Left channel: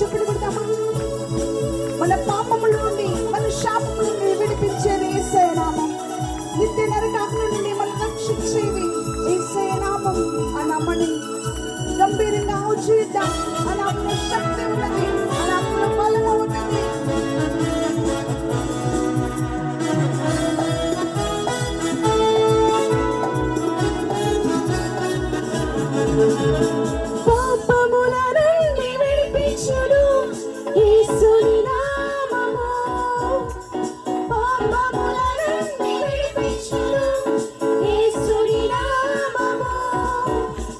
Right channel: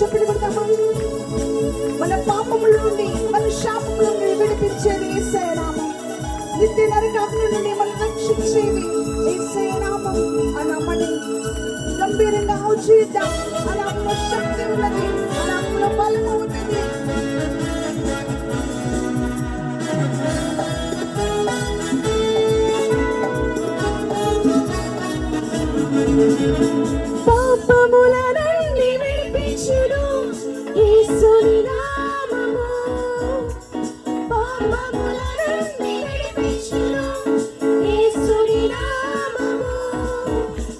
చెప్పిన కొడతామా? మన పాపముల నుండి మన శాపముల నుండి విడిపించేది యేసయ్య నామం. నిత్య నరకాగ్ని నుండి మనం రక్షించేది యేసయ్య నామం. ఆ నామాన్ని గంభీరంగా ఆలోచిద్దాం. ఆ నామంలో శక్తి ఉన్నది, ఆ నామంలో బలము ఉన్నది. పాపముల నుండి విడిపించును యేసుని నామము. పాపముల నుండి విడిపించును యేసుని నామము.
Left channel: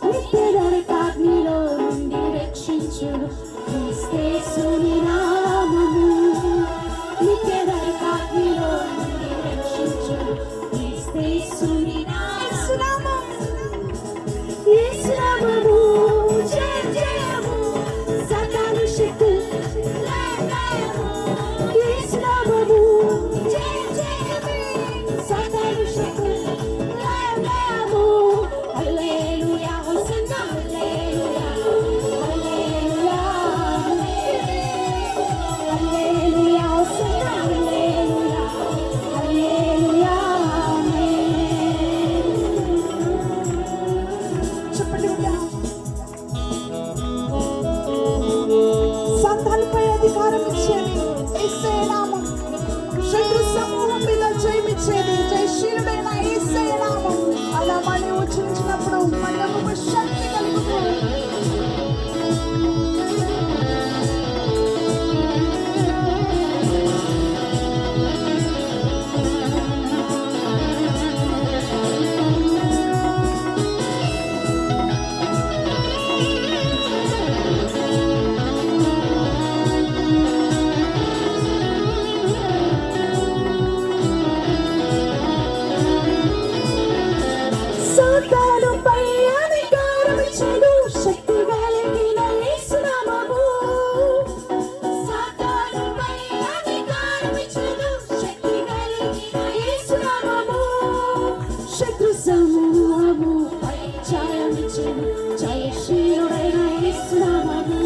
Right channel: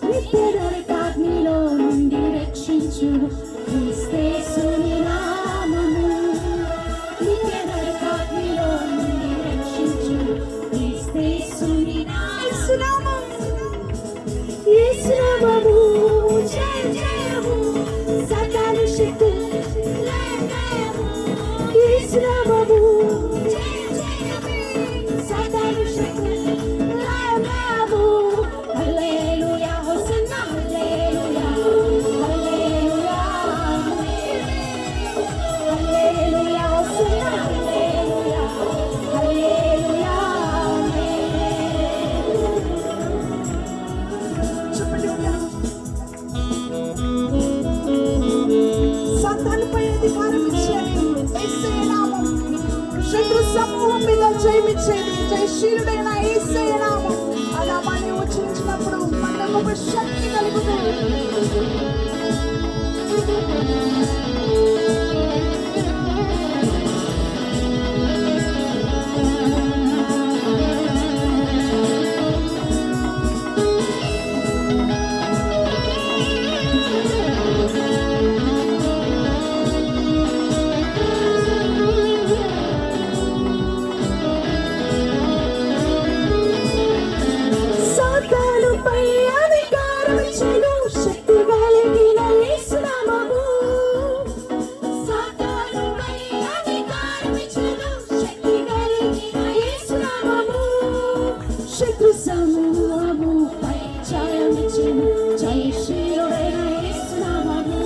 నిత్య నరకాగ్నిలో నుండి రక్షించును యేసుని నామము. నిత్య నరకాగ్నిలో నుండి రక్షించును యేసుని నామము. యేసు నామము జయ జయము, సాతాను శక్తి లయము. యేసు నామము జయ జయము, సాతాను శక్తి లయము. హల్లెలూయా హోసన్నా హల్లెలూయా హల్లెలూయా హల్లెలూయా హోసన్నా హల్లెలూయా హల్లెలూయా. సాతానుపై అధికారం ఇచ్చేది యేసయ్య నామం. శత్రు సమూహం మీద జయమిచ్చేది జయశీలుడైన యేసయ్య నామం. ఆ నామాన్ని ఉచ్చరించినప్పుడు మనకు ఒక శక్తి కలుగుతుంది. సాతానుపై అధికారం ఇచ్చెను శక్తి కలిగిన యేసు నామము. సాతానుపై అధికారం ఇచ్చెను శక్తి కలిగిన యేసు నామము. శత్రు సమూహముపై జయమిచ్చెను జయశీలుడైన యేసు నామము.